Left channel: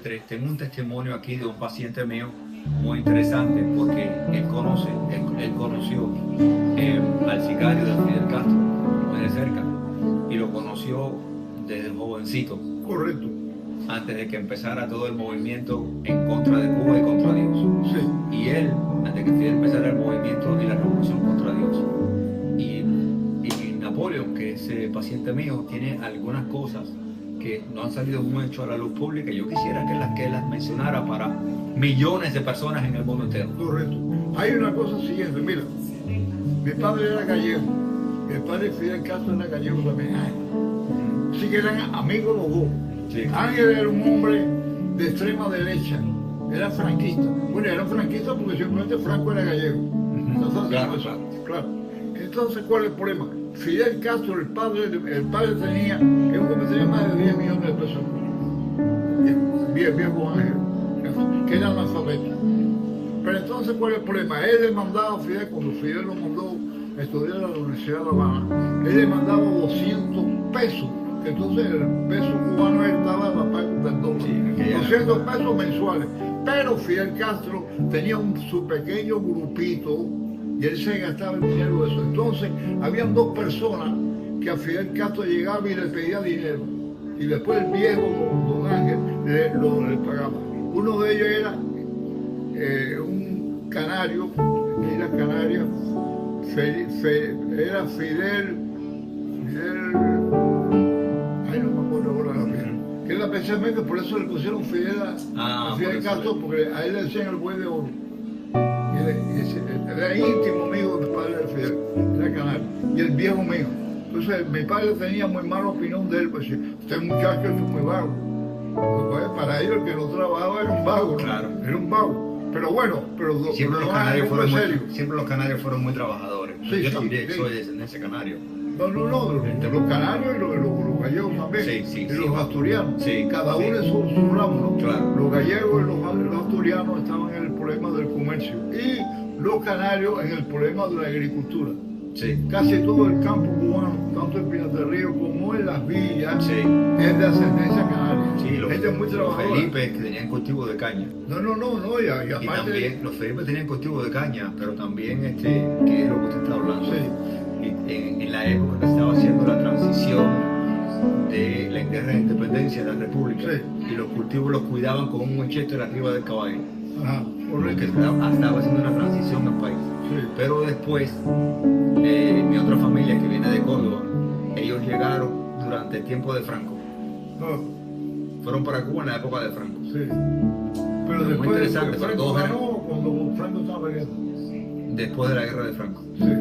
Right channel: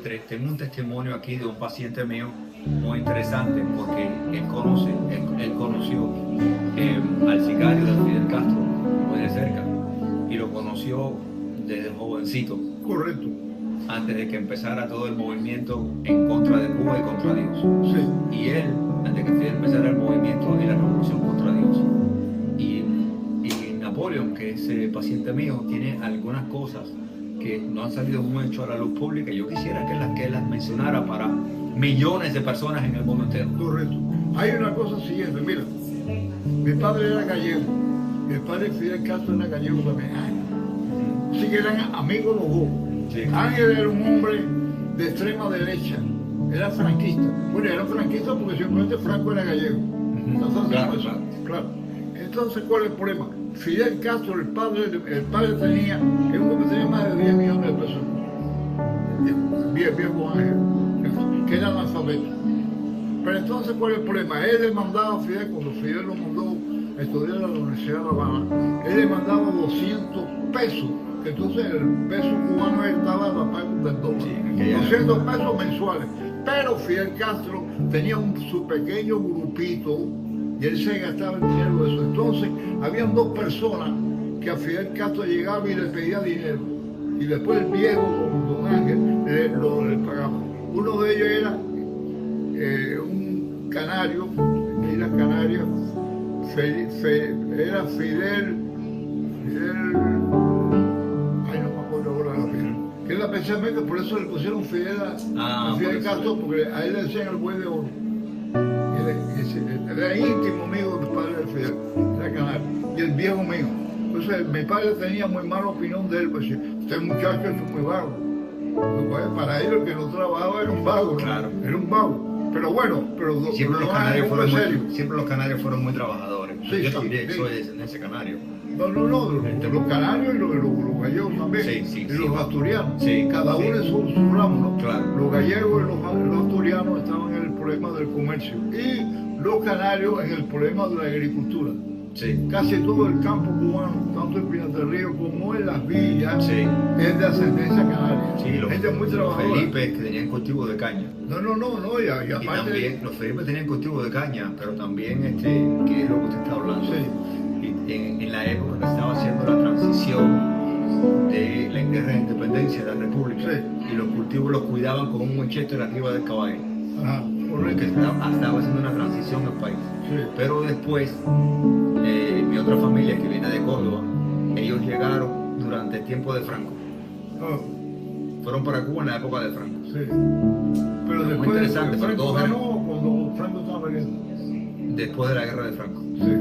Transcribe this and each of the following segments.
tengo un testimonio aquí de un paciente mío muy interesante porque él conoció al sicario de Fidel Castro muy de cerca y lo conoció desde jovencito. Correcto. Antes de que empezara todo el movimiento en contra de Cuba y contra Dios. Sí. Y él, antes de que Fidel empezara el movimiento y la revolución contra Dios. Y Napoleón, que es paciente mío, tiene algunas cosas que no han salido mucho a la luz pública. Yo quisiera que las mencionara para millones de personas en el mundo entero. Correcto. Hay una cosa siguiente, mira, mi padre era gallego, y el padre Fidel Castro era gallego también. Así que eran amigos los dos. Sí. Ángel era un hombre de extrema derecha, era franquista. Bueno, era franquista porque simplemente Franco era gallego. Entonces, claro. Entonces, ¿cuál es el problema? Fidel Castro, el padre tenía, es un hombre que tenía más de 10 millones de pesos. Viejo Ángel, que era analfabeto. Pero entonces, ¿cuál es el problema? Él le mandaba a Fidel, cuando Fidel lo mandó a estudiar a la Universidad de La Habana, él le mandaba 200 pesos, que entonces el peso cubano estaba a la parte del dólar. Sí, 200 pesos mensuales. Pero Fidel Castro tenía su pequeño grupito y él se gastaba el dinero de eso. Entonces, habían dos personas que a Fidel Castro llegaba y le pedía dinero. Y después el viejo, don Ángel, le pagaba. Uno de ellos era un canario, de las Canarias, era Fidel, ay, no me acuerdo ahora la Fidel, que era especialmente, por eso le pusieron Fidel a Fidel Castro, porque a él le decían el buey de oro. Era íntimo amigo del padre de Fidel, era canario, y el viejo mío. Entonces mi padre tenía muy mala opinión de él, pues este muchacho es muy vago. Pues, para ellos el que no trabajaba era un vago, ¿no? Claro. Era un vago. Pero bueno, siempre los canarios fueron muy trabajadores. Sí, yo también soy de descendencia canario. No, los canarios y los gallegos también. Sí, y los asturianos. Sí, cada uno en su ramo, ¿no? Claro. Los gallegos y los asturianos estaban en el problema del comercio. Y los canarios en el problema de la agricultura. Sí. Casi todo el campo cubano, tanto en Pinar del Río como en las villas, es de ascendencia canaria. Sí, gente muy trabajadora. Felipe, que tenían cultivo de caña. No, y aparte... Y también los Felipe tenían cultivo de caña, pero también, que es lo que usted está hablando. Sí. Y en la época que estaba haciendo la transición de la guerra de independencia de la República, y los cultivos los cuidaban con un Winchester arriba del caballo. Ajá, correcto. Que estaba haciendo una transición en el país. Sí. Pero después, mi otra familia que viene de Córdoba, ellos llegaron durante el tiempo de Franco. Fueron para Cuba en la época de Franco. Sí. Pero después, muy interesante, Franco ganó cuando Franco estaba peleando. Después de la guerra de Franco. Sí.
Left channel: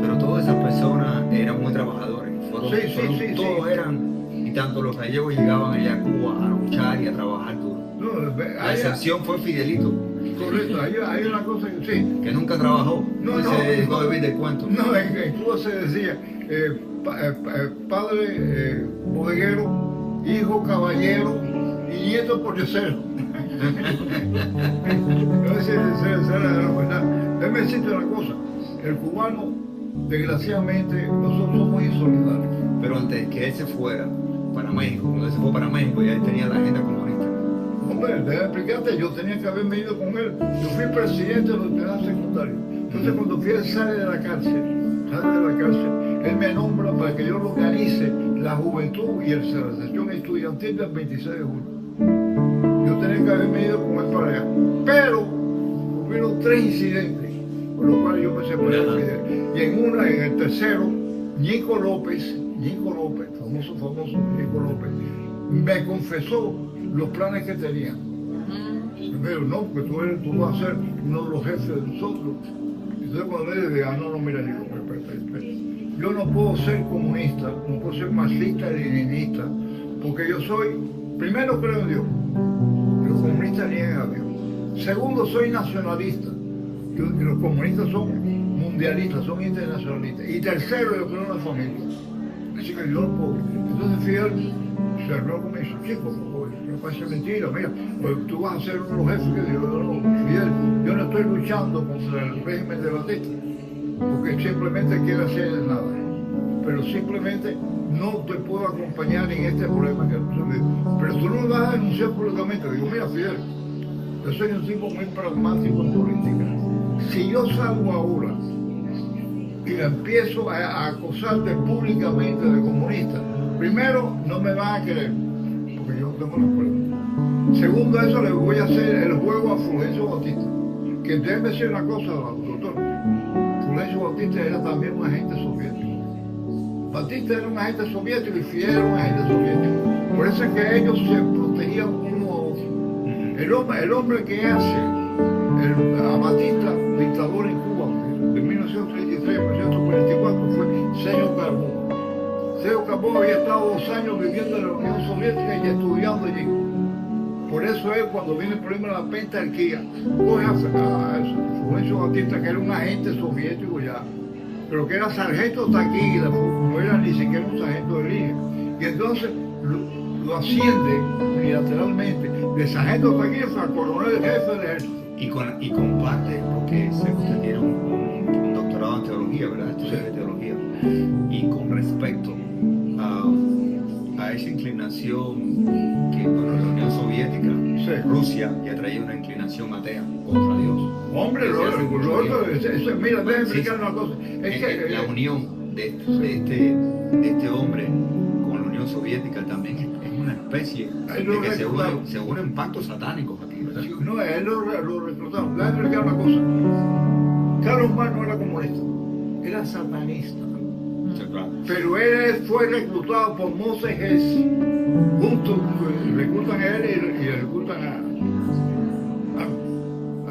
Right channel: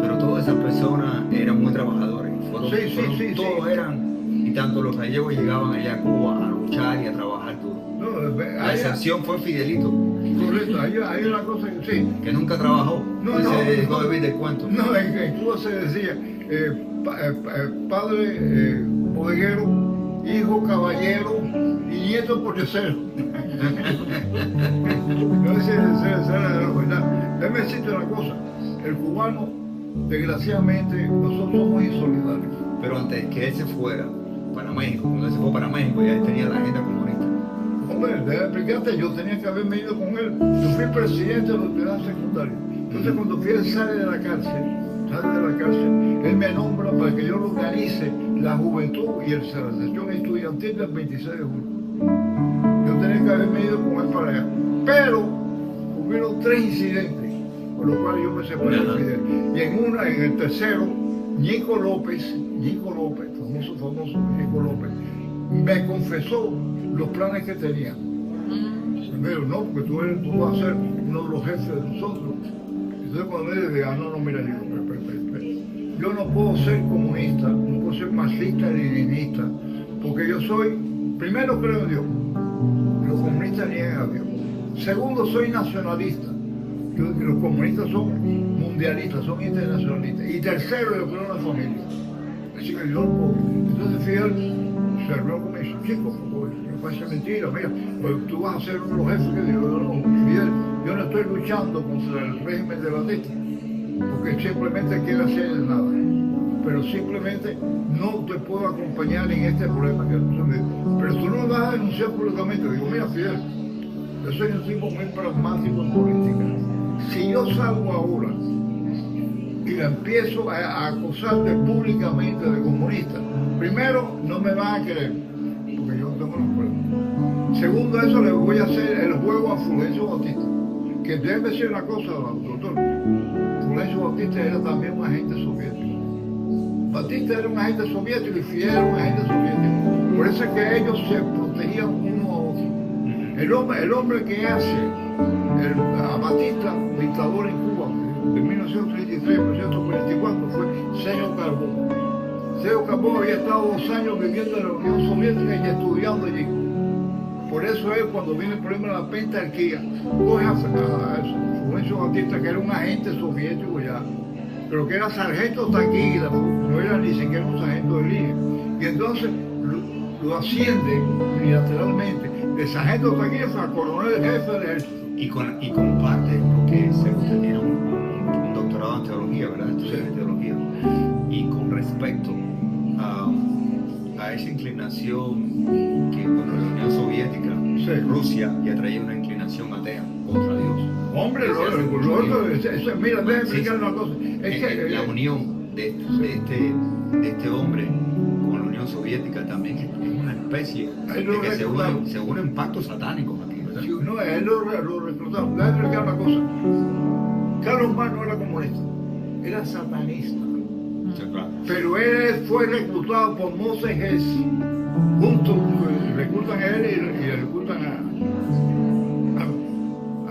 Pero todas esas personas eran muy trabajadores. Todos eran, y tanto los gallegos llegaban allá a Cuba a luchar y a trabajar duro. La excepción fue Fidelito. Correcto, hay una cosa que sí. Que nunca trabajó. Se dedicó a vivir del cuento. No, en Cuba se decía padre bodeguero, hijo caballero y nieto pordiosero. Esa era la verdad. Déjame decirte una cosa, el cubano, desgraciadamente, nosotros somos insolidarios. Pero antes que él se fuera para México, cuando él se fue para México, ya él tenía la agenda comunista. Hombre, déjame explicarte, yo tenía que haberme ido con él. Yo fui presidente de la universidad secundaria. Entonces, cuando Fidel sale de la cárcel, él me nombra para que yo organice la juventud y la sesión estudiantil del 26 de julio. Yo tenía que haberme ido con él para allá. Pero hubieron 3 incidentes, por los cuales yo me separé de Fidel. Y en el tercero, Nico López, famoso Nico López, me confesó los planes que tenía. Me dijo, no, porque tú vas a ser uno de los jefes de nosotros. Entonces cuando me dije, no, mira, yo no puedo ser comunista, no puedo ser marxista y leninista, porque yo soy, primero creo en Dios, los comunistas niegan a Dios. Segundo, soy nacionalista, y los comunistas son mundialistas, son internacionalistas. Y tercero, yo creo en la familia. Así que yo no puedo. Entonces Fidel se arregló conmigo y dijo, chico, no parece mentira, mira, pues tú vas a ser uno de los jefes que digo, no, Fidel, yo no estoy luchando contra el régimen de Batista, porque simplemente quiero hacer nada, pero simplemente no te puedo acompañar en este problema que pero tú no me vas a denunciar públicamente. Digo, mira, Fidel, yo soy un tipo muy pragmático en política. Si yo salgo ahora y empiezo a acosarte públicamente de comunista, primero, no me van a querer, porque yo no tengo las pruebas. Segundo, eso le voy a hacer el juego a Fulgencio Bautista. Que déjeme decir una cosa, doctor. Fulgencio Bautista era también un agente soviético. Batista era un agente soviético y Fidel era un agente soviético. Por eso es que ellos se protegían uno a otro. El hombre que hace a Batista dictador en Cuba de 1933 a 1944 fue Sergio Carbó. Sergio Carbó había estado 2 años viviendo en la Unión Soviética y estudiando allí. Por eso es cuando viene el problema de la pentarquía, coge a Fulgencio Batista, que era un agente soviético ya, pero que era sargento taquígrafo, no era ni siquiera un sargento de línea. Y entonces lo asciende unilateralmente de sargento taquígrafo a coronel jefe del ejército. Y comparte, porque sé que usted tiene un doctorado en teología, ¿verdad? Estudios de teología. Y con respecto a esa inclinación que, bueno, la Unión Soviética, Rusia, ya traía una inclinación atea contra Dios. Hombre, mira, déjame explicar una cosa. Es que la unión de este hombre con la Unión Soviética también es una especie de que se unen pactos satánicos aquí, ¿verdad? No, él lo reclutaron. Déjame explicar una cosa. Carlos Marx no era comunista, era satanista. Sí, claro. Pero él fue reclutado por Moses Hess. Juntos reclutan a él y reclutan a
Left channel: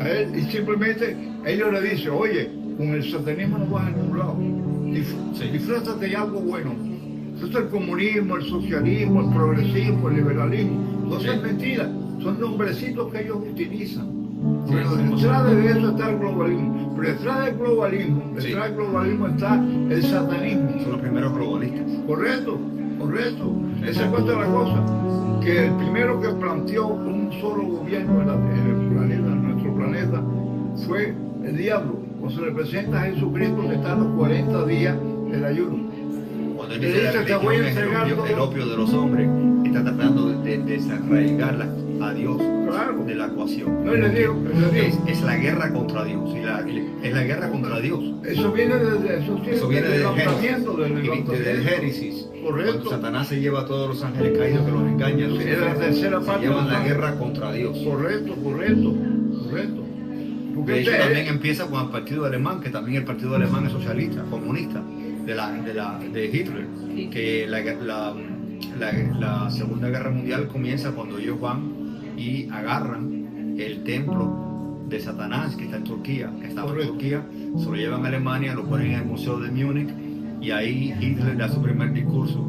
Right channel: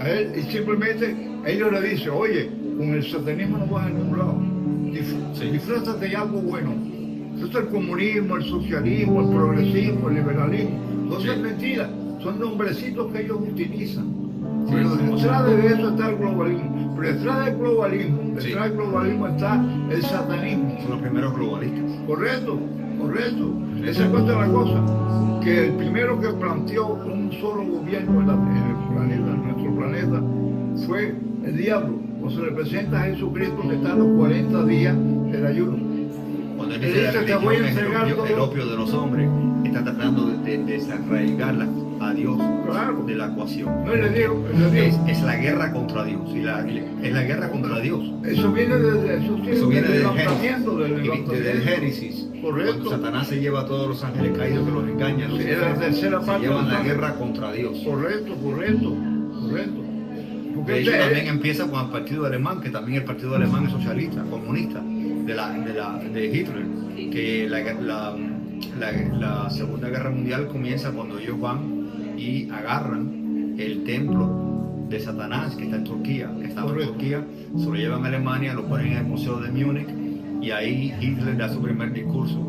él. Y simplemente ellos le dicen, oye, con el satanismo no vas a ningún lado. Disfrútate de algo bueno. Eso es el comunismo, el socialismo, el progresismo, el liberalismo. Entonces es mentira. Son nombrecitos que ellos utilizan. Pero detrás de eso está el globalismo. Pero detrás del globalismo está el satanismo. Son los primeros globalistas. Correcto. Esa es la cosa. Que el primero que planteó un solo gobierno en nuestro planeta, fue el diablo. O se representa a Jesucristo que está a los 40 días del ayuno. Cuando él dice el opio de los hombres, está tratando de desarraigarla a Dios, claro, de la ecuación. No, le digo. Es la guerra contra Dios. Es la guerra contra Dios. Eso viene del Génesis. Correcto. Cuando Satanás se lleva a todos los ángeles caídos que los engañan, es la tercera parte. Llevan la guerra contra Dios. Correcto. Porque de hecho también empieza con el partido alemán, que también el partido alemán es socialista, comunista, de Hitler, que la Segunda Guerra Mundial comienza cuando ellos van y agarran el templo de Satanás que está en Turquía, se lo llevan a Alemania, lo ponen en el Museo de Múnich, y ahí Hitler da su primer discurso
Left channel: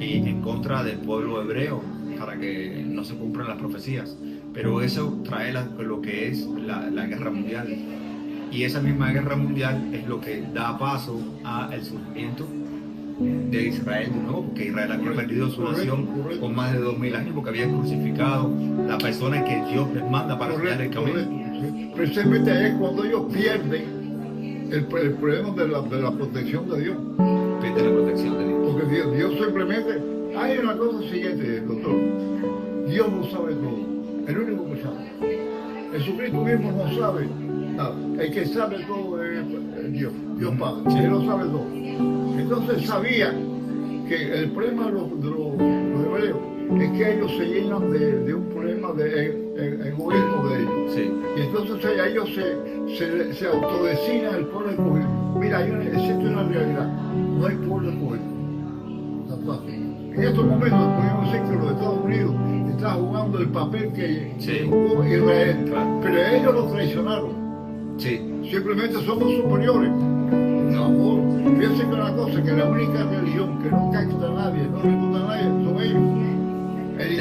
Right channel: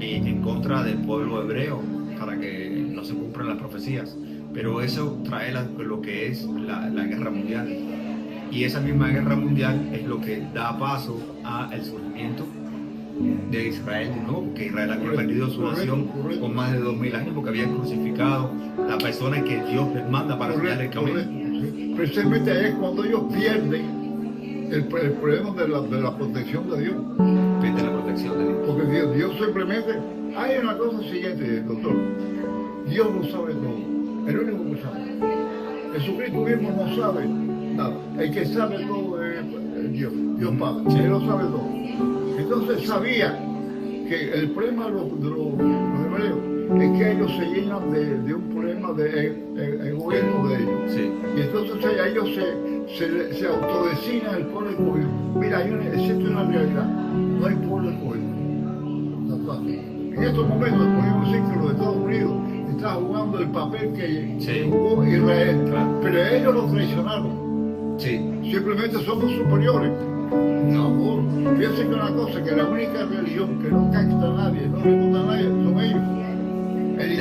en contra del pueblo hebreo para que no se cumplan las profecías. Pero eso trae lo que es la guerra mundial. Y esa misma guerra mundial es lo que da paso al surgimiento de Israel de nuevo, porque Israel había perdido su nación con más de 2000 años, porque habían crucificado la persona que Dios les manda para enseñar el camino. Precisamente es cuando ellos pierden el problema de la protección de Dios. Pierden la protección de Dios. Porque Dios simplemente... Hay una cosa siguiente, doctor. Dios lo sabe todo. El único que sabe. Jesucristo mismo no sabe nada. El que sabe todo es Dios Padre. Sí. Él lo sabe todo. Entonces sabía que el problema de los hebreos es que ellos se llenan de un problema de egoísmo de ellos. Sí. Y entonces ellos se autodesignan el pueblo escogido. Mira, existe una realidad. No hay pueblo escogido. En estos momentos podemos decir que los Estados Unidos está jugando el papel que jugó Israel, claro, pero ellos lo traicionaron. Sí. Simplemente somos superiores. No, fíjense que una cosa, que la única religión que no capta a nadie, no recluta a nadie, son ellos. El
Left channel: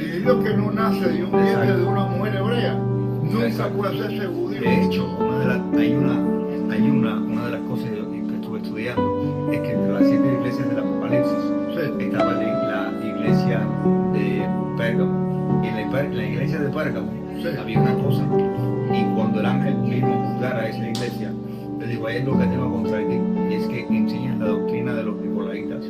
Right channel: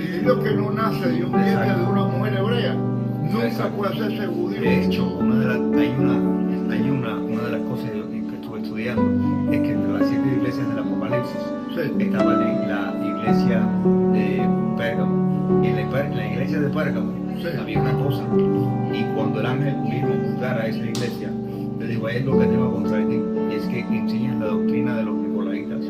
individuo que no nace de un vientre de una mujer hebrea nunca puede hacerse judío. De hecho, hay una de las cosas que estuve estudiando es que entre las 7 iglesias del Apocalipsis estaba la iglesia de Pérgamo. Y en la iglesia de Pérgamo había una cosa, y cuando el ángel vino a juzgar a esa iglesia, le dijo: hay algo que tengo contra ti, y es que enseñas la doctrina de los nicolaitas.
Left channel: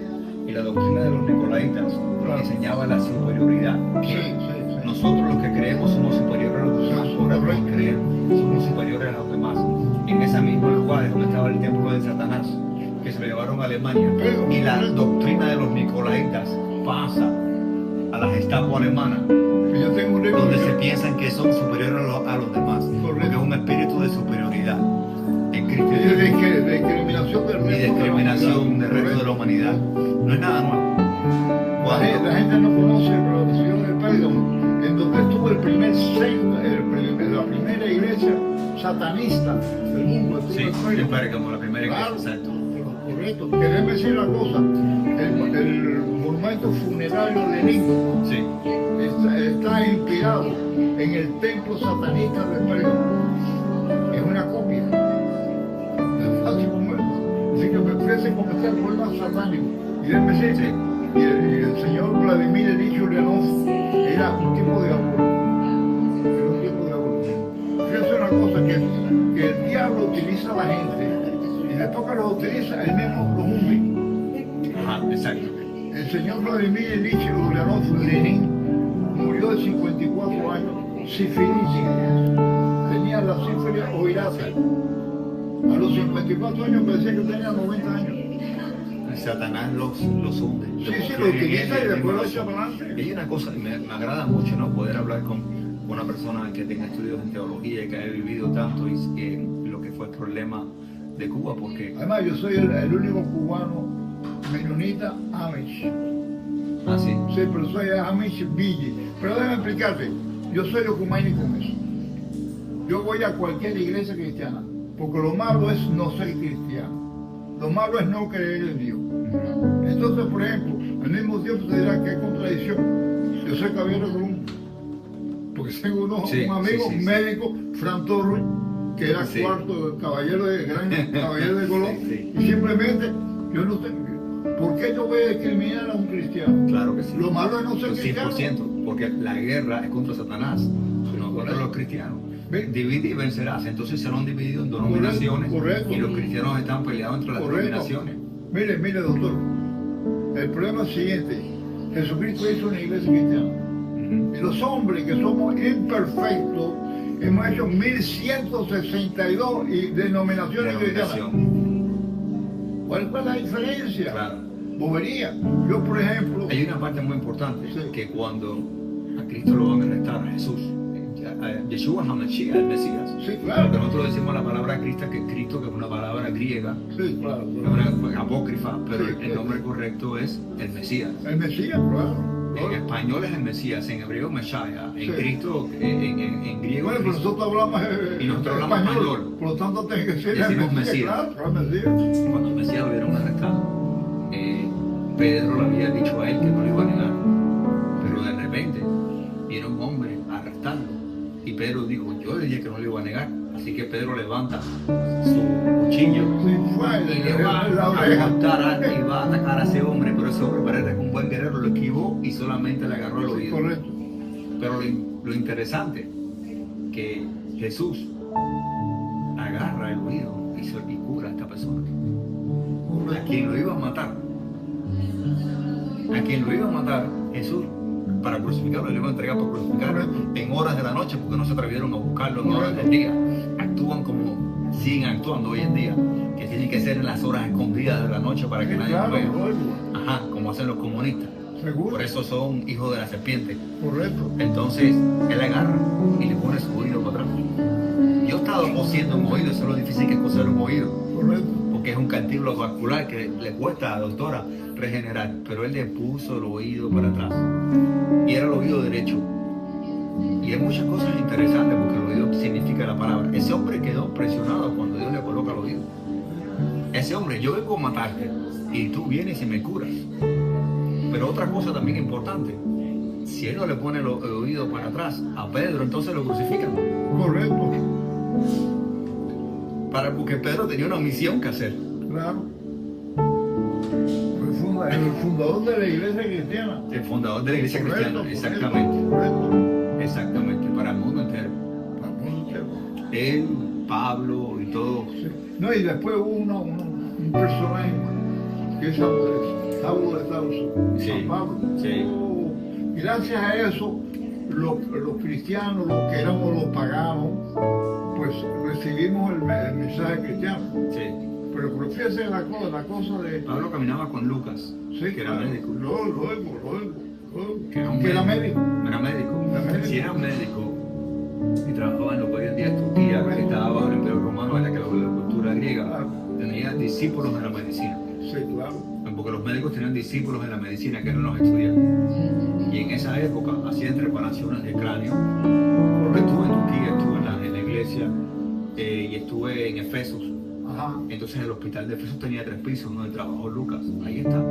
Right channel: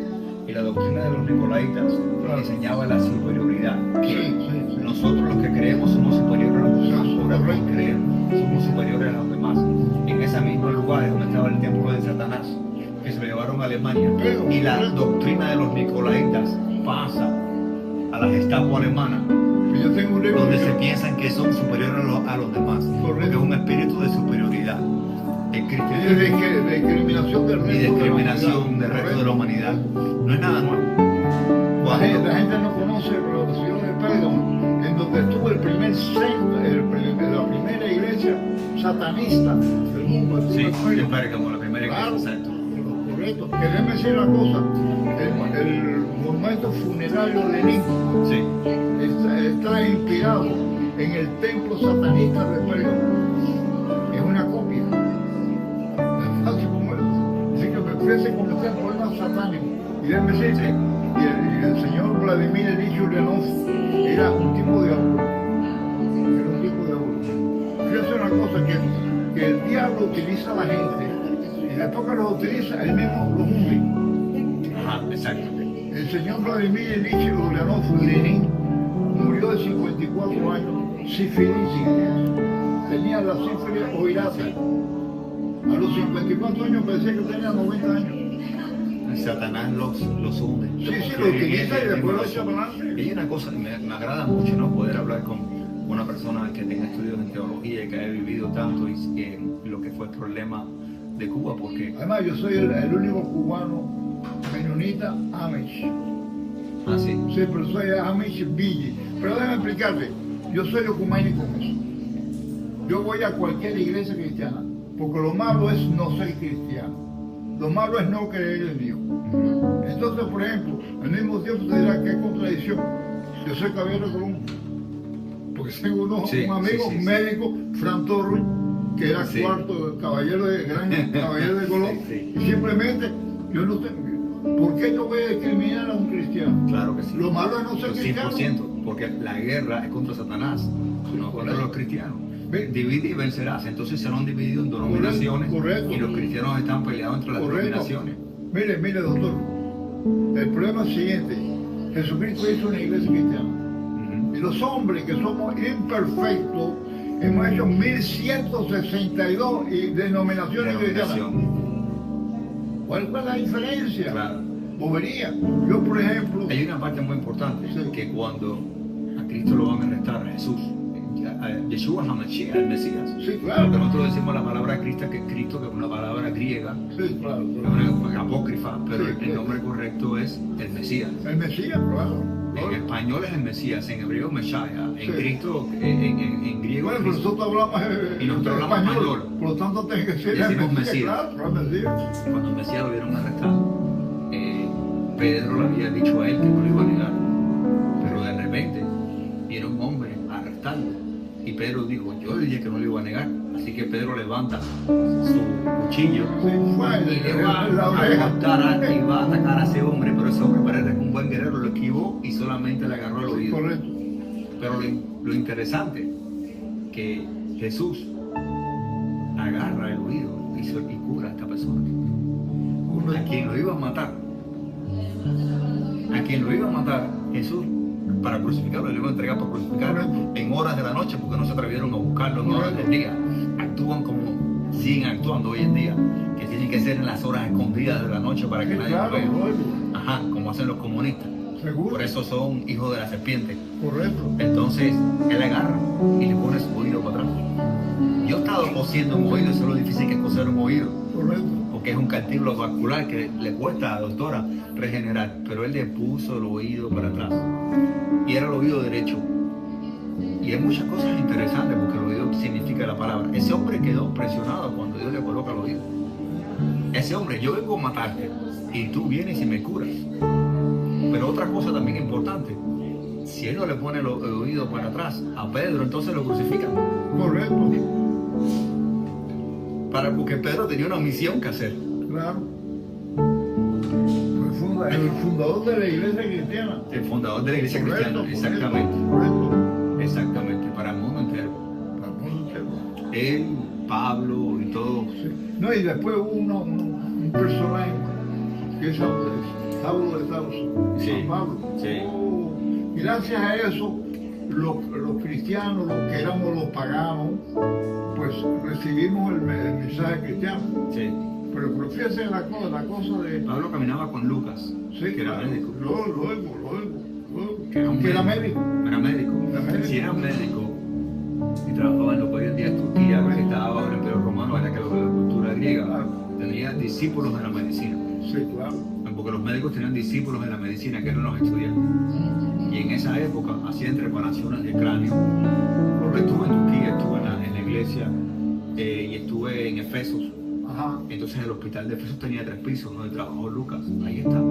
y la doctrina de los nicolaitas enseñaba la superioridad. Sí. Nosotros los que creemos somos superiores a los demás, por no creer, somos superiores a los demás. En ese mismo lugar es donde estaba el templo de Satanás, que se lo llevaron a Alemania. Y la doctrina de los nicolaitas pasa a la Gestapo alemana, Yo tengo un libro donde se piensan que son superiores a los demás, porque es un espíritu de superioridad. El cristianismo de discriminación del resto y discriminación del resto de la humanidad. humanidad. No es nada nuevo. La gente no conoce la ciudad de Pérgamo, en donde estuvo el primer secta, la primera iglesia satanista del mundo. Sí, Estuvo en en Pérgamo. Pérgamo, la primera iglesia, Claro, exacto. correcto. Que déjeme decir una cosa, el monumento funerario de Lenin Sí, está inspirado en el templo satanista de Pérgamo. Es una copia. Es fácil como eso. Así que me ofrece comenzar por más satánico. Y déjeme decir, sí. y el señor Vladimir Ilich Ulyanov era un tipo de abuelo. Era un tipo de abuelo. Fíjense una cosa, que el diablo utiliza a la gente y después que los utiliza, él mismo los hunde. Ajá, exacto. El señor Vladimir Ilich Ulyanov, Lenin, murió de 54 años, sifilitis. Tenía la sífilis oirata. A los 54 años parecía que tenía 90 años. Satanás los hunde. Sí, lo utiliza y después lo echa para adelante. Y hay una cosa, me agrada mucho, ¿no? Poder hablar con una persona que tenga estudios en teología y que haya vivido tanto y lo que fue el problema de Cuba, porque... Además, yo soy el único cubano menonita Amish. Ah, sí. Sí, pero soy Amish Billy. Pero déjame explicarte, yo soy ecuménico con eso. Yo voy a cualquier iglesia cristiana, porque lo malo es no ser cristiano. Lo malo es no creer en Dios. Entonces, por ejemplo, al mismo tiempo te dirá que hay contradicción. Yo soy caballero de Columbia, porque tengo un amigo médico, Fran Torres, que era cuarto caballero caballero de Colón, y simplemente yo no sé, ¿por qué yo voy a discriminar a un cristiano? Claro que sí. Lo malo es no ser cristiano. 100%, porque la guerra es contra Satanás, no contra los cristianos. Divide y vencerás. Entonces se han dividido en denominaciones y los cristianos están peleados entre las denominaciones. Mire, doctor, el problema es el siguiente: Jesucristo hizo una iglesia cristiana. Y los hombres que somos imperfectos hemos hecho 1162 denominaciones cristianas. ¿Cuál es la diferencia? Claro. Bobería. Yo, por ejemplo... Hay una parte muy importante, que cuando a Cristo lo van a arrestar, a Jesús, Yeshua HaMashiach, el Mesías. Sí, claro. Porque nosotros decimos la palabra Cristo, que es una palabra griega, sí, claro. Es una apócrifa, pero el nombre correcto es el Mesías. El Mesías, claro. En español es el Mesías, en hebreo Meshaya, en Cristo, en griego. Bueno, pero nosotros hablamos, y nosotros hablamos español. Por lo tanto, tiene que ser decimos el Mesías. Claro, el Mesías. Cuando el Mesías lo vieron arrestado, Pedro le había dicho a él que no lo iba a negar, pero de repente viene un hombre a arrestarlo. Y Pedro dijo, yo le dije que no le iba a negar. Así que Pedro levanta su cuchillo y le va a apuntar y va a atacar a ese hombre. Pero ese hombre parece que un buen guerrero lo esquivó y solamente le agarró el oído. Correcto. Pero lo interesante, que Jesús agarra el oído y cura a esta persona. A quien lo iba a matar. A quien lo iba a matar, Jesús, para crucificarlo, le iban a entregar para crucificarlo en horas de la noche, porque no se atrevieron a buscarlo en horas del día. Actúan como siguen actuando hoy en día, que tienen que ser en las horas escondidas de la noche para que nadie lo vea. Ajá, como hacen los comunistas. ¿Seguro? Por eso son hijos de la serpiente. Correcto. Entonces, él agarra y le pone su oído para atrás. Yo he estado cosiendo un oído, eso es lo difícil que es coser un oído. Correcto. Porque es un cartílago vascular que le cuesta a la doctora regenerar. Pero él le puso el oído para atrás. Y era el oído derecho. Y hay muchas cosas interesantes porque el oído significa la palabra. Ese hombre quedó presionado cuando Dios le coloca el oído. Ese hombre, yo vengo a matarte y tú vienes y me curas. Pero otra cosa también importante, si él no le pone el oído para atrás a Pedro, entonces lo crucifican. Correcto. Porque Pedro tenía una misión que hacer. Claro. El fundador de la iglesia cristiana. El fundador de la iglesia cristiana, exactamente. Correcto. Exactamente, para el mundo entero. Para el mundo entero. Él, Pablo y todo. Sí. No, y después hubo un personaje que es Andrés. Saulo de Tarso, Sí, San Pablo. sí. Oh, y gracias a eso, los cristianos, los que éramos los paganos, pues recibimos el mensaje cristiano. Sí. Pero fíjese la cosa de... Pablo caminaba con Lucas, Sí, que era claro, médico. luego, Que era un que era médico. médico. Era médico. Era médico. Si era médico y trabajaba en lo que hoy en día es Turquía, que estaba bajo el Imperio Romano, en la que la cultura griega, Claro. tenía discípulos de la medicina. Sí, claro. Porque los médicos tenían discípulos de la medicina que eran los estudiantes. Y en esa época hacían trepanaciones de cráneo. Porque estuve en Turquía, estuve en la iglesia y estuve en Efesos. Ajá. Entonces el hospital de Efesos tenía 3 pisos donde trabajó Lucas. Ahí está.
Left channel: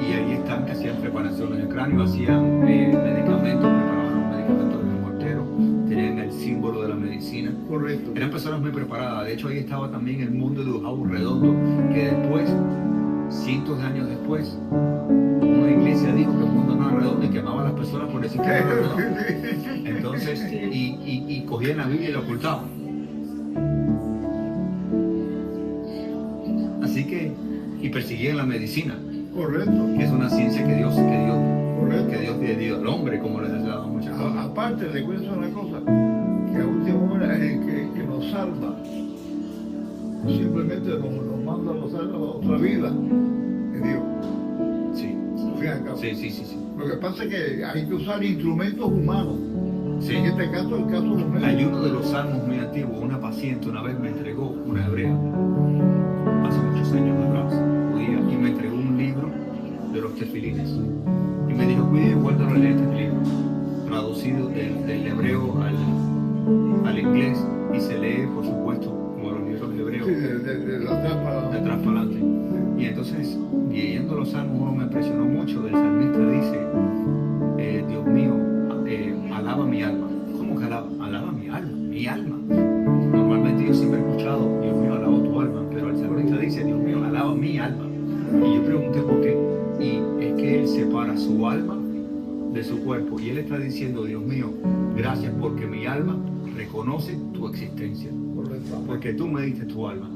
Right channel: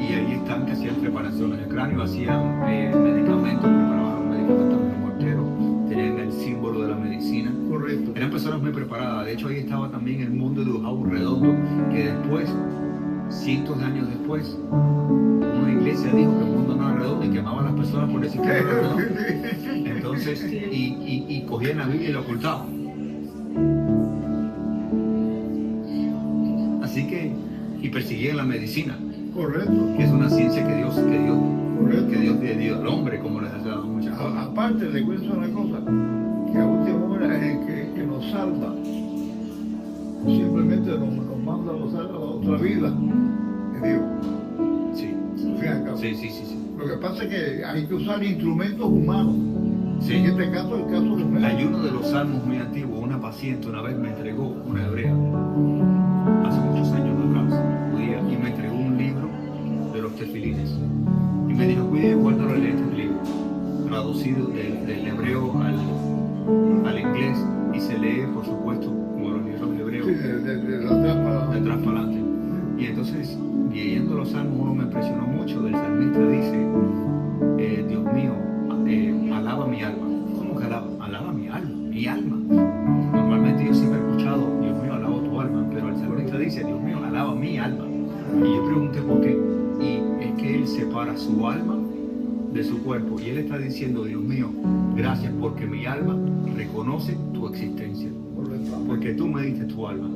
Y ahí están que hacían preparaciones de cráneo, hacían medicamentos, preparaban los medicamentos de los morteros, tenían el símbolo de la medicina. Correcto. Eran personas muy preparadas. De hecho ahí estaba también el mundo de Ujau Redondo, que después, cientos de años después, una iglesia dijo que el mundo no era redondo y quemaba a las personas por decir que no era redondo. Entonces, y cogían la Biblia y la ocultaban. Así que, y perseguían la medicina, Correcto. que es una ciencia que Dios Correcto. le dio al hombre, como les ha dado muchas cosas. Aparte, le cuento una cosa, que a última hora el que nos salva, simplemente nos manda a pasar a la otra vida, es Dios. Sí, Al fin y al cabo. sí. Lo que pasa es que hay que usar instrumentos humanos. Sí. En este caso, el caso de los médicos. Hay uno de los salmos muy antiguos, una paciente una vez me entregó, una hebrea, hace muchos años atrás, judía, y me entregó un libro de los tefilines. Y me dijo, cuide y guárdalo en este libro, traducido del hebreo al inglés, y se lee, por supuesto, como los libros hebreos, Sí, de atrás para de atrás para adelante. Y entonces, leyendo los salmos, uno me impresionó mucho. El salmista dice, Dios mío, alaba mi alma. ¿Cómo que alaba? Alaba mi alma, mi alma. Normalmente yo siempre he escuchado, Dios mío, alabo tu alma, pero el salmista dice, Dios mío, alaba mi alma. Y yo pregunté por qué. Y es que él separa su alma de su cuerpo. Y él está diciendo, Dios mío, gracias porque mi alma reconoce tu existencia. Correcto. Porque tú me diste tu alma.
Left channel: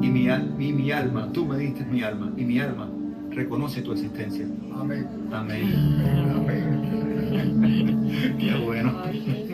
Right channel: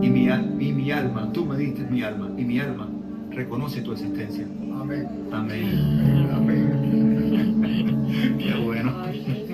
Y mi alma, tú me diste mi alma. Y mi alma reconoce tu existencia. Amén. Amén. Amén. Qué bueno. Ay,